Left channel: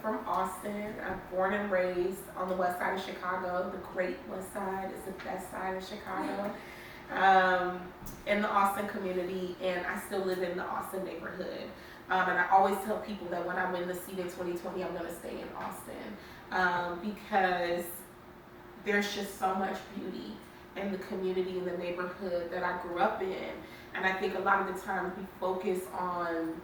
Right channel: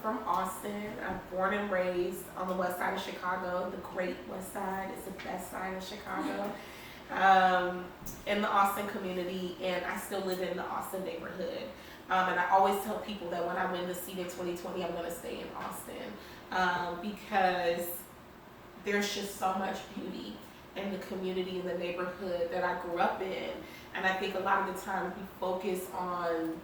from Austin. I'm born and raised on the west side of Chicago. The great west side is the best side of Chicago. In the Austin community, and I still live in the Austin neighborhood. And I always tell people that when I win the seat in 2020, I'm going to stay in Austin because there's just so much beauty in the community and the neighborhood that I grew up in. And I think a lot of the time we focus on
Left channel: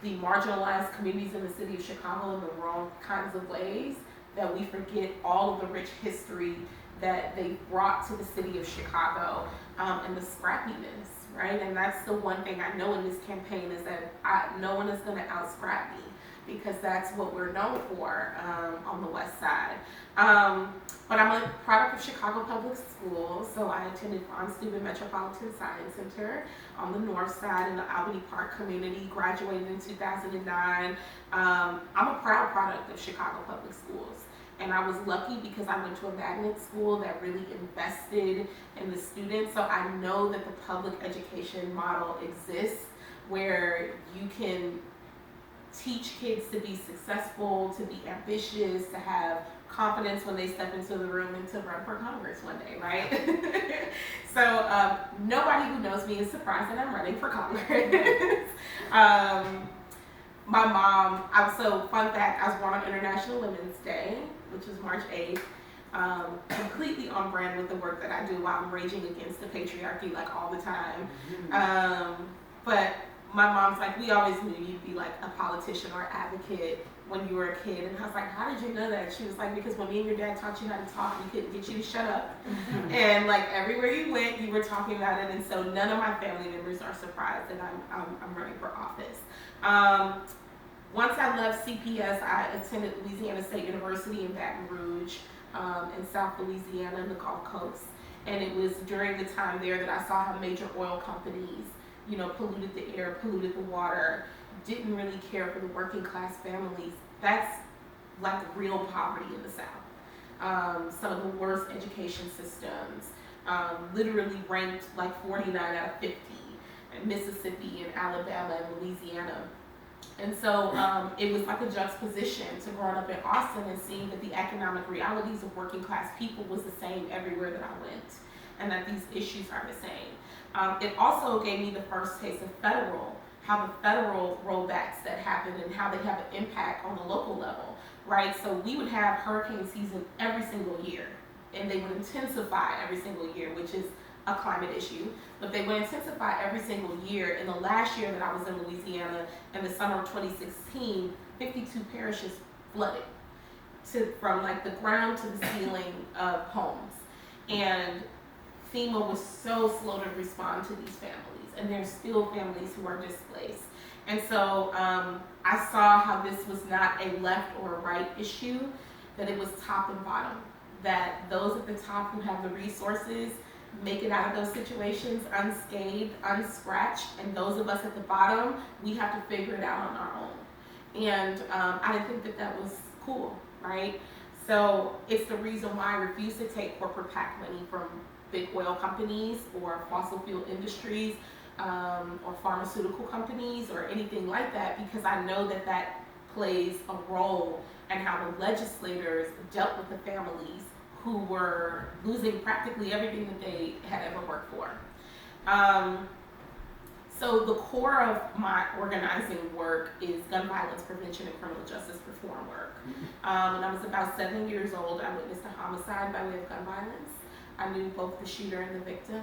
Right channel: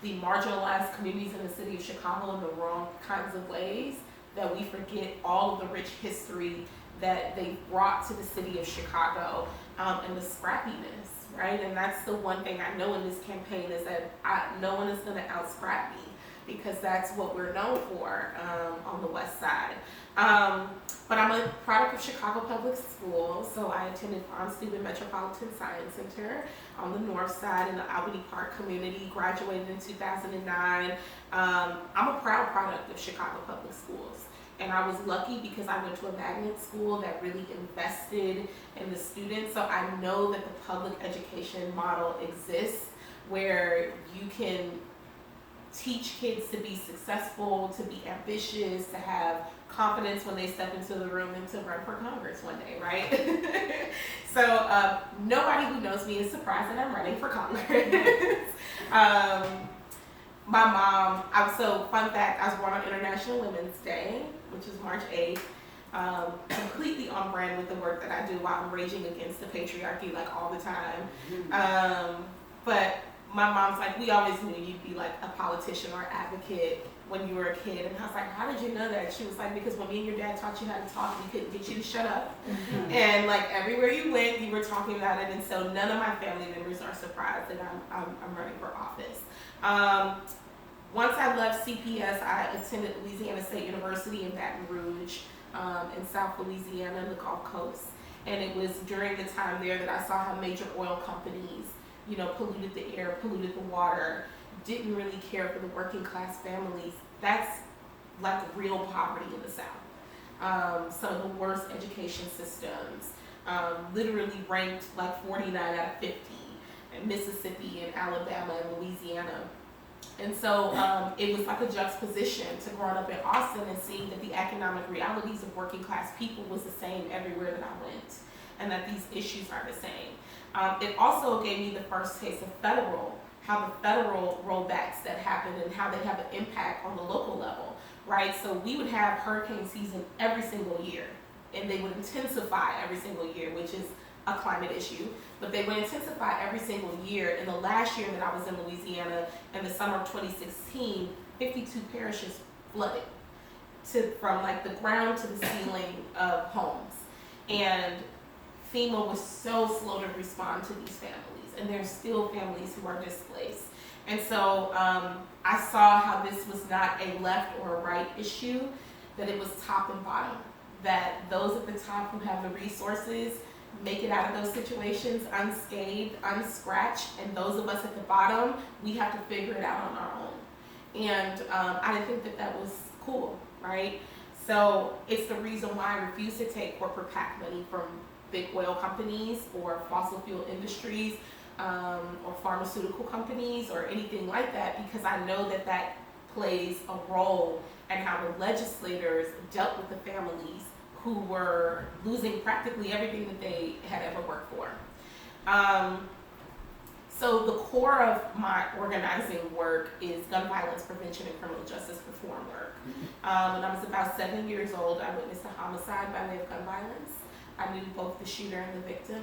the marginalized communities in the city of Chicago in the wrong kinds of ways, that we forget all of the rich history that they brought to the city of Chicago, and the scrappiness, right? And that's the one thing I know in this campaign is that no one is gonna out-scrap me, because that's what we're known for on the west side. But I'm a product of Chicago Public Schools, so I attended Farm-Steuben Metropolitan Science Center on the north side in the Albany Park community, graduated in 2009. I'm a proud product of Chicago Public Schools. And I was lucky because I went to a magnet school that really invested in the students. So I know that the public education model exists where you can teach kids to be successful, to be ambitious, to have confidence when they step into the room and to run for Congress one day, right? So nobody who knows me is surprised that I'm running for Congress. My mom, so fun fact, I was born on International Women's Day, which is March 8th. Completely on brand with the work that I do while I'm raging against the patriarchy like all the time. But my mom's like, we always knew you'd be like a politician or advocate when you were a kid. And I was like, how did you know that? She was like, because when me and your dad taught you how to talk, we couldn't get you to shut up. And like everywhere you went, you were talking about it. And so none of my family members are surprised that I'm running for office. Once I left CPS, I attended Louisiana State University in Baton Rouge, in South Louisiana in the Gulf Coast. And it was during the time there that I saw how major oil companies, polluted the air, polluted the water, didn't really care for the working class families. That's like real poverty in the South. Some of the worst education systems, literally ranked like 49 out of 50 in Mississippi and Alabama and Louisiana. And so it was like a juxtaposition to growing up in Austin and seeing that the economic realities of working class people was the same everywhere that I went, and that these issues are the same. It also gave me the first taste of how the federal rollbacks that happened and how they have an impact on the local level, right? So we would have hurricane season every single year, and they would intensify every single year, which is a climate issue, but they would intensify every single year. In the last year that I was in Louisiana, in the summer of 2016, 52 parishes flooded from like the ground to the ceiling of homes. And FEMA was so slow to respond to these families, and there's still families who are displaced. And so I saw how this was not a left or a right issue, that it was top and bottom, that those at the top who have the resources make it out of those situations unscathed, unscratched, and those of us at the bottom, we have to figure it out on our own. And I didn't think that was cool, right? So it's the reason why I refuse to take corporate PAC money from big oil companies or fossil fuel industries or pharmaceutical companies or anything like that, because I know that plays a role in how the legislators dealt with the families who were losing practically everything that they had ever worked for. So the core of my organizing work is gun violence prevention and criminal justice reform work. When I was about 7 years old, I witnessed a homicide by way of gun violence. I knew both the shooter and the victim,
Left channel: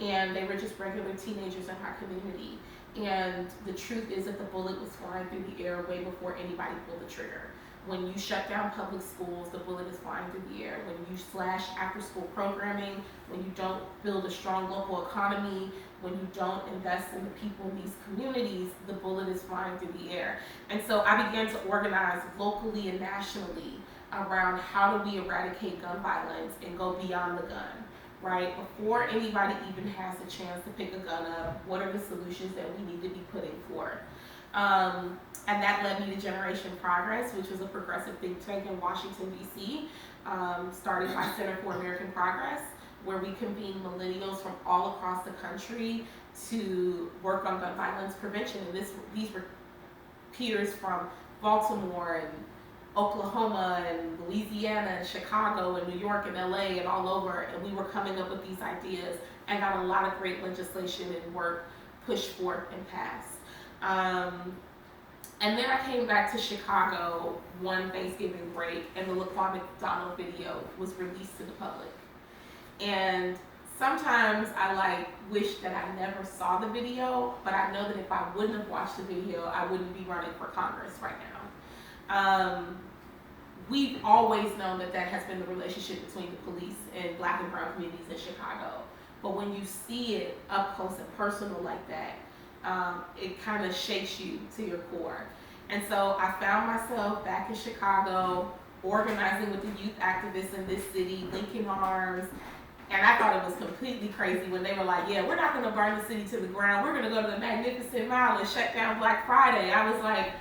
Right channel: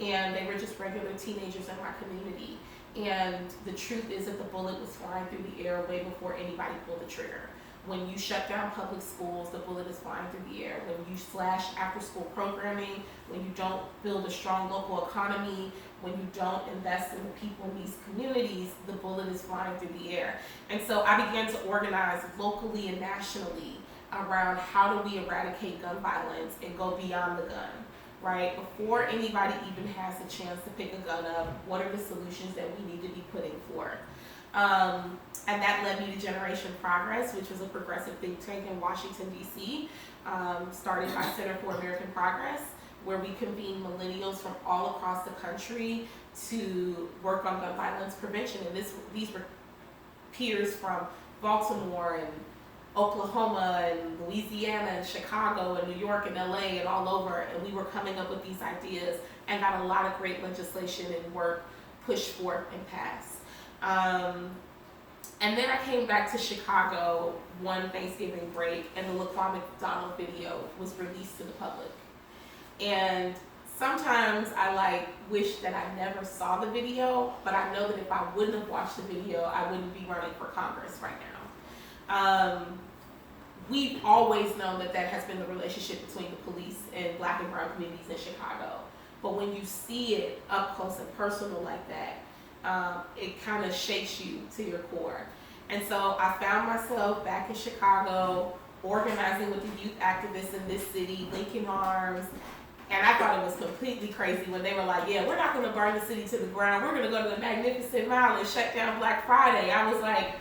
and they were just regular teenagers in my community. And the truth is that the bullet was flying through the air way before anybody pulled the trigger. When you shut down public schools, the bullet is flying through the air. When you slash after-school programming, when you don't build a strong local economy, when you don't invest in the people in these communities, the bullet is flying through the air. And so I began to organize locally and nationally around how do we eradicate gun violence and go beyond the gun, right? Before anybody even has a chance to pick a gun up, what are the solutions that we need to be putting forth? And that led me to Generation Progress, which was a progressive think tank in Washington, D.C., started by Center for American Progress, where we convene millennials from all across the country to work on gun violence prevention. And these were peers from Baltimore and Oklahoma and Louisiana and Chicago and New York and LA and all over, and we were coming up with these ideas and got a lot of great legislation and work pushed forth and passed. And then I came back to Chicago one Thanksgiving break, and the Laquan McDonald video was released to the public. And sometimes I wish that I never saw the video, but I know that if I wouldn't have watched the video, I wouldn't be running for Congress right now. We've always known that has been the relationship between the police and Black and brown communities in Chicago. But when you see it up close and personal like that, it kind of shakes you to your core. And so I found myself back in Chicago, organizing with the youth activists in this city, linking arms. And I thought it was completely crazy when they were like, yeah, we're not gonna burn the city to the ground. We're gonna go to the Magnificent Mile and shut down Black Friday. I was like,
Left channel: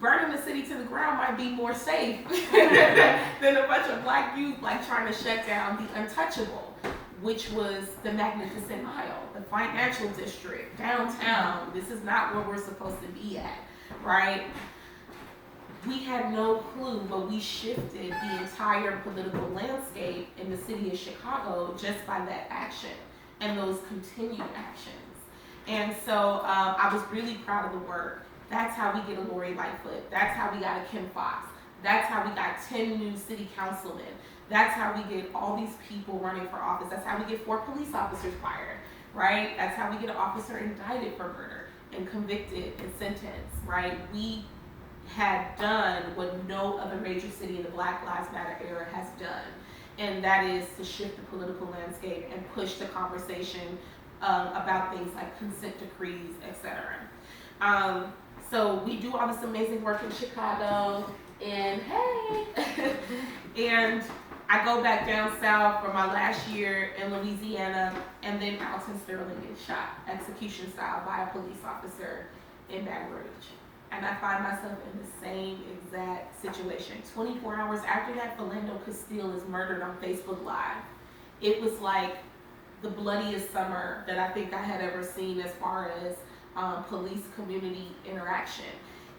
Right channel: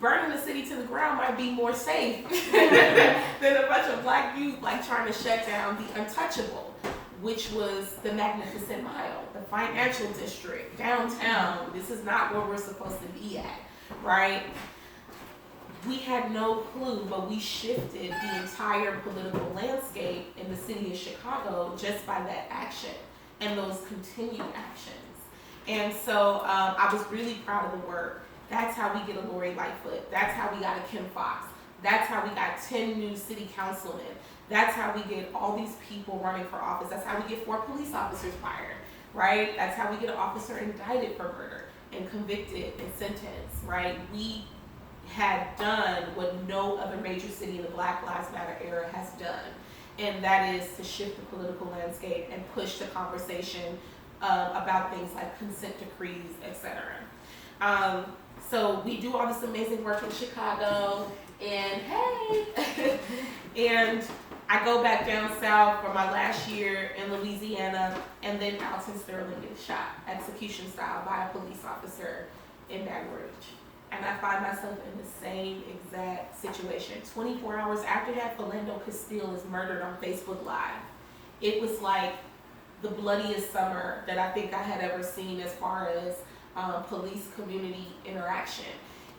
burning the city to the ground might be more safe than a bunch of Black youth trying to shut down the untouchable, which was the Magnificent Mile, the financial district, downtown. This is not where we're supposed to be at, right? We had no clue, but we shifted the entire political landscape in the city of Chicago just by that action and those continued actions. And so I was really proud of the work. That's how we get a Lori Lightfoot. That's how we got a Kim Foxx. That's how we got 10 new city councilmen. That's how we get all these people running for office. That's how we get 4 police officers fired, right? That's how we get an officer indicted for murder and convicted and sentenced, right? We had done what no other major city in the Black Lives Matter era has done, and that is to shift the political landscape and push the conversation about things like consent decrees, etc. So we do all this amazing work in Chicago, and hey, and I go back down south for my last year in Louisiana, and then Alton Sterling gets shot, execution style, by a police officer in Baton Rouge. And I find myself in the same exact situation. 24 hours after that, Philando Castile is murdered on Facebook Live. It was like the bloodiest summer that I think I had ever seen as far as police community interaction.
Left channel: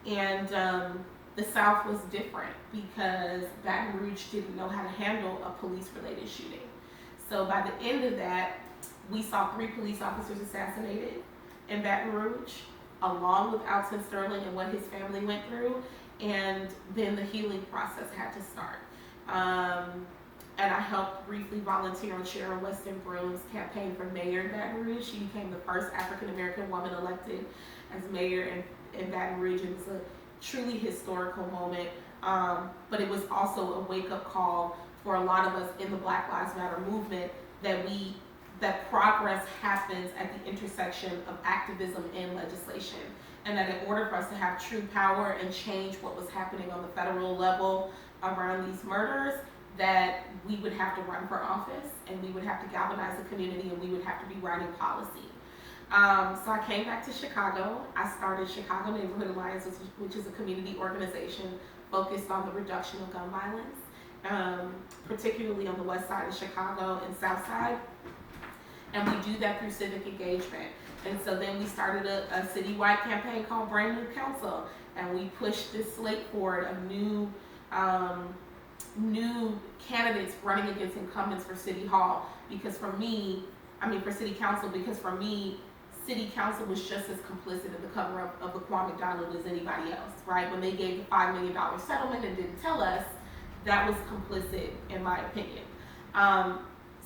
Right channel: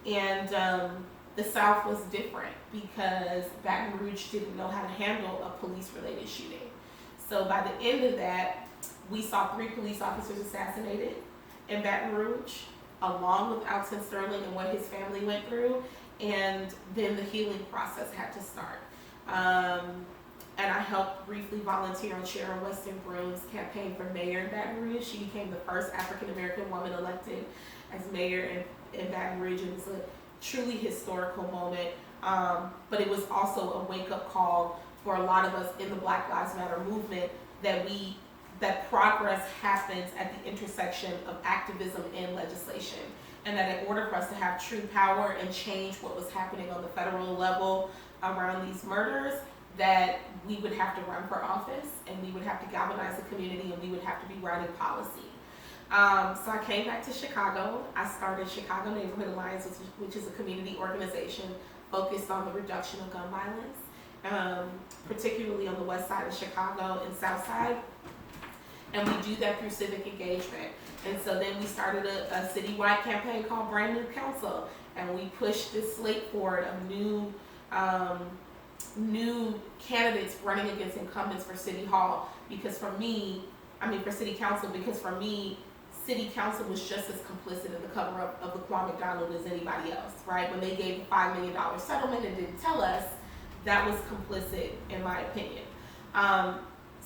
And the South was different because Baton Rouge didn't know how to handle a police-related shooting. So by the end of that, we saw 3 police officers assassinated in Baton Rouge, along with Alton Sterling and what his family went through, and then the healing process had to start. And I helped briefly volunteer on Sharon Weston Broom's campaign for mayor in Baton Rouge. She became the first African-American woman elected as mayor in Baton Rouge. It was a truly historical moment, but it was also a wake-up call for a lot of us in the Black Lives Matter movement that progress happens at the intersection of activism and legislation, and that in order for us to have true power and change what was happening on the federal level around these murders, that we would have to run for office, and we would have to galvanize the community, and we would have to be writing policy. So I came back to Chicago. I started Chicago Neighborhood Alliance, which is a community organization focused on the reduction of gun violence, particularly on the west side of Chicago and south side. And we do that through civic engagement. And so then we started a citywide campaign called Brand New Council, and we pushed this slate forward of new candidates running against incumbents for City Hall, for City Council, because for me, City Council was just as complicit in the cover-up of Laquan McDonald as anybody else, right? When they gave the $5 million settlement and didn't tell us, that was complicit, in my opinion.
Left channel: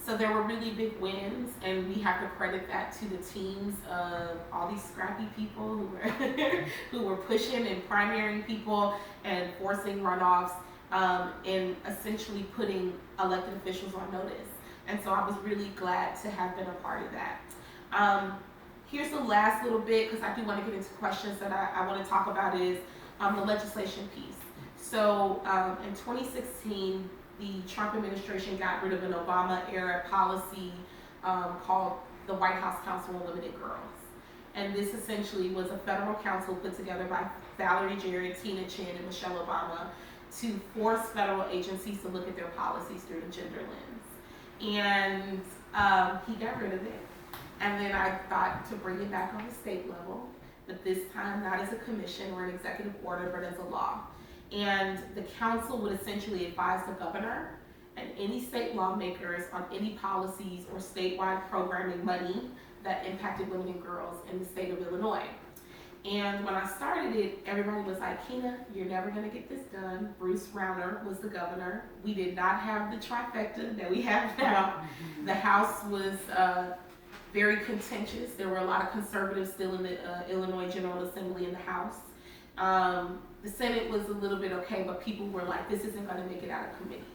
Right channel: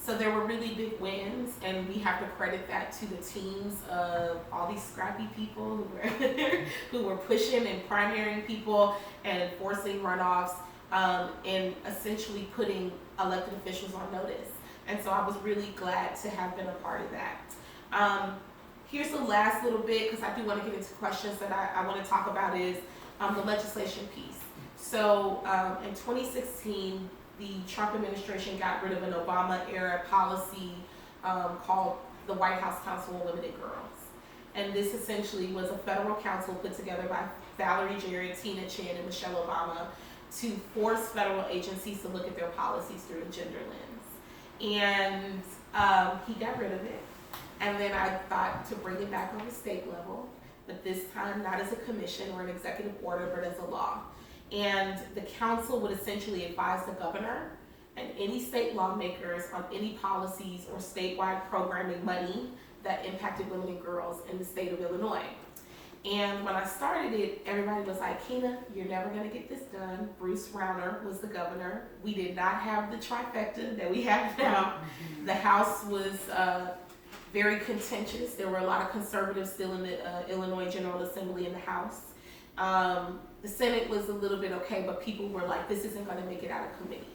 So there were really big wins, and we have to credit that to the teams of all these scrappy people who were pushing and primarying people and forcing runoffs, and essentially putting elected officials on notice. And so I was really glad to have been a part of that. Here's the last little bit, because I do want to get into questions that I want to talk about, is the legislation piece. So in 2016, the Trump administration got rid of an Obama-era policy called the White House Council on Limited Girls. And this essentially was a federal council put together by Valerie Jarrett, Tina Chin, and Michelle Obama to force federal agencies to look at their policies through a gender lens. And he got rid of it. And then I thought to bring it back on the state level, but this time not as a commission or an executive order, but as a law. And the council would essentially advise the governor and any state lawmakers on any policies or statewide programming money that impacted women and girls in the state of Illinois. And when I started it, everybody was like, Kina, you're never gonna get this done. Bruce Rauner was the governor. We did not have the trifecta that we have now. The House was very contentious. There were a lot of conservatives still in the Illinois General Assembly in the House. The Senate was a little bit okay, but people were like, this isn't gonna make it out of committees.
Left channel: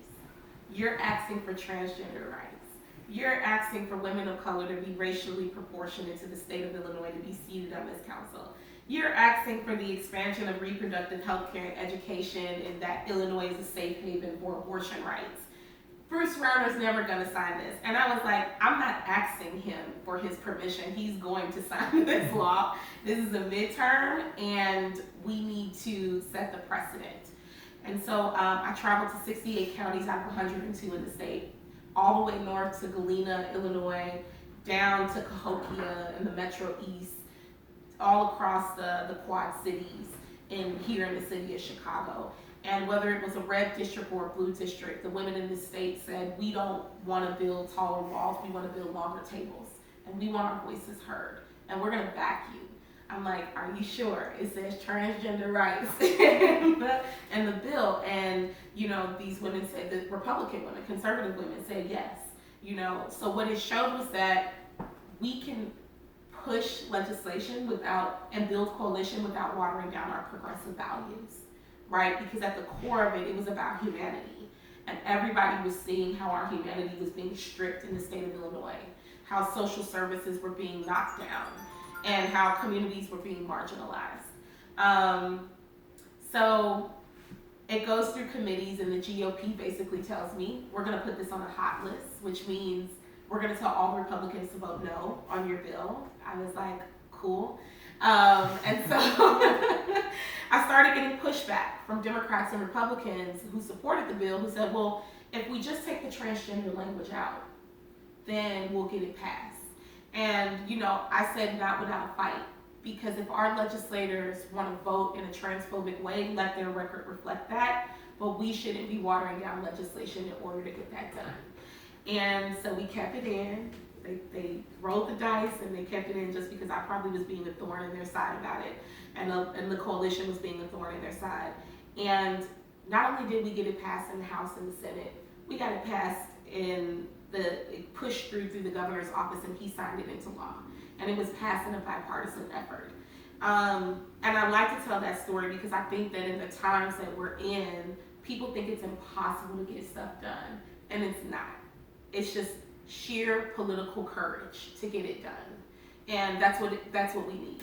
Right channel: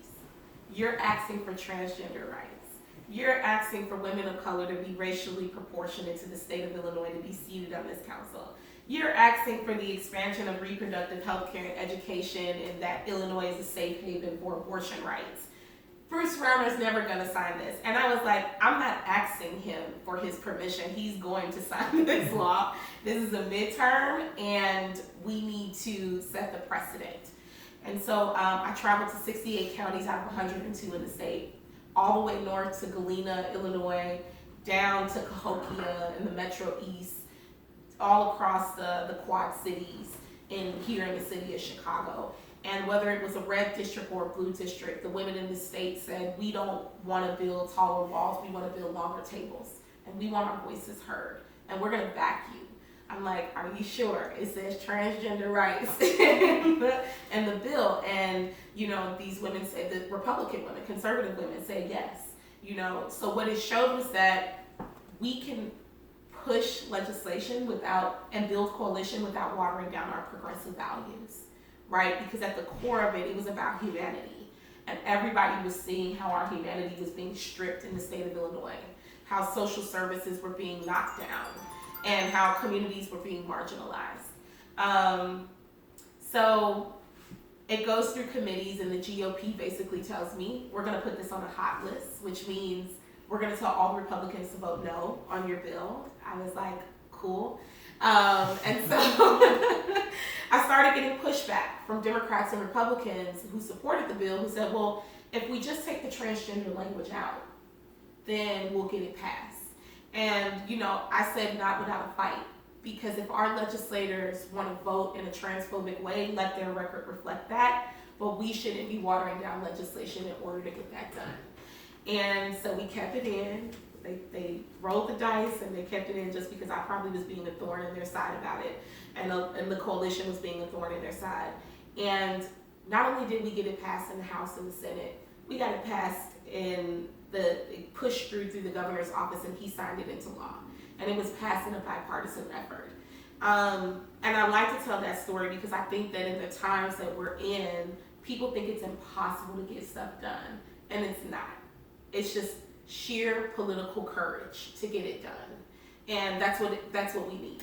You're asking for transgender rights. You're asking for women of color to be racially proportionate to the state of Illinois to be seated on this council. You're asking for the expansion of reproductive health care and education, and that Illinois is a safe haven for abortion rights. Bruce Rauner's never gonna sign this. And I was like, I'm not asking him for his permission. He's going to sign this law. This is a midterm, and we need to set the precedent. And so I traveled to 68 counties out of 102 in the state, all the way north to Galena, Illinois, down to Cahokia in the Metro East, all across the Quad Cities, here in the city of Chicago. And whether it was a red district or a blue district, the women in the state said, we don't want to build taller walls, we want to build longer tables, and we want our voices heard, and we're going to back you. I'm like, are you sure? It says transgender rights in the bill. And, you know, these women said, the Republican women, conservative women said yes. You know, so what it showed was that we can push legislation and build coalition without watering down our progressive values, right? Because at the core of it, it was about humanity. And everybody was seeing how our humanity was being stripped in the state of Illinois, how social services were being knocked down, and how communities were being marginalized. So it goes through committees, and the GOP basically tells me, we're gonna put this on a hot list, which means we're gonna tell all Republicans to vote no on your bill. I was like, cool. And so I started getting pushback from Democrats and Republicans who supported the bill, who said, well, if we just take the transgender language out, then we'll get it passed. And, you know, I said not without a fight, because if our legislators want to vote in a transphobic way, let their record reflect that, but we shouldn't be watering down legislation in order to get that done. And so we kept it in. They rolled the dice and they kept it in just because I probably was being a thorn in their side about it, and the coalition was being a thorn in their side. And not only did we get it passed in the House and the Senate, we got it passed it pushed through the governor's office, and he signed it into law. And it was passed in a bipartisan effort. And I like to tell that story because I think that in the times that we're in, people think it's impossible to get stuff done, and it's not. It's just sheer political courage to get it done, and that's what we need.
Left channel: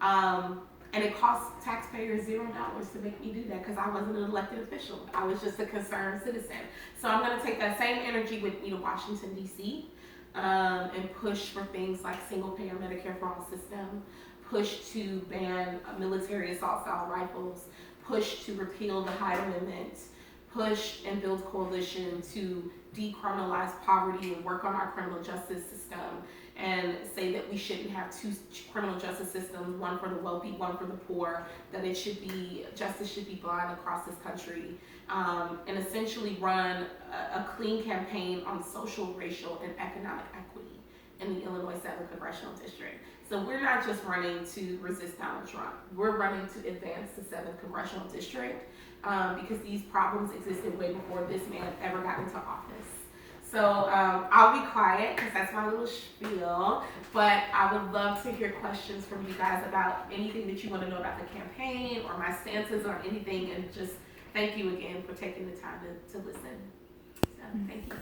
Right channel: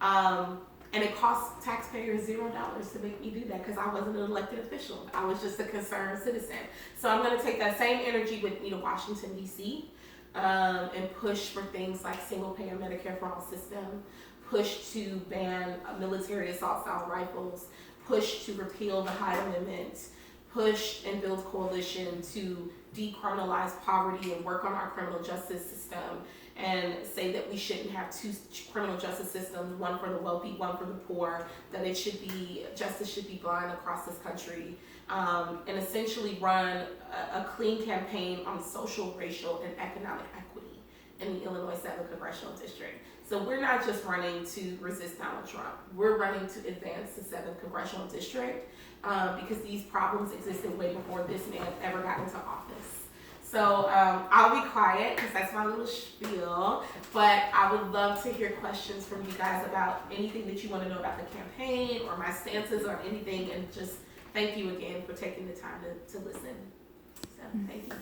And it costs taxpayers $0 to make me do that because I wasn't an elected official. I was just a concerned citizen. So I'm going to take that same energy with me to Washington, D.C. And push for things like single-payer Medicare for all system, push to ban military assault-style rifles, push to repeal the Hyde Amendment, push and build coalition to decriminalize poverty and work on our criminal justice system, and say that we shouldn't have two criminal justice systems, one for the wealthy, one for the poor, that justice should be blind across this country, and essentially run a clean campaign on social, racial, and economic equity in the Illinois 7th Congressional District. So we're not just running to resist Donald Trump, we're running to advance the 7th Congressional District, because these problems existed way before this man ever got into office. So I'll be quiet because that's my little spiel, but I would love to hear questions from you guys about anything that you want to know about the campaign or my stances or anything, and just thank you again for taking the time to listen. So thank you.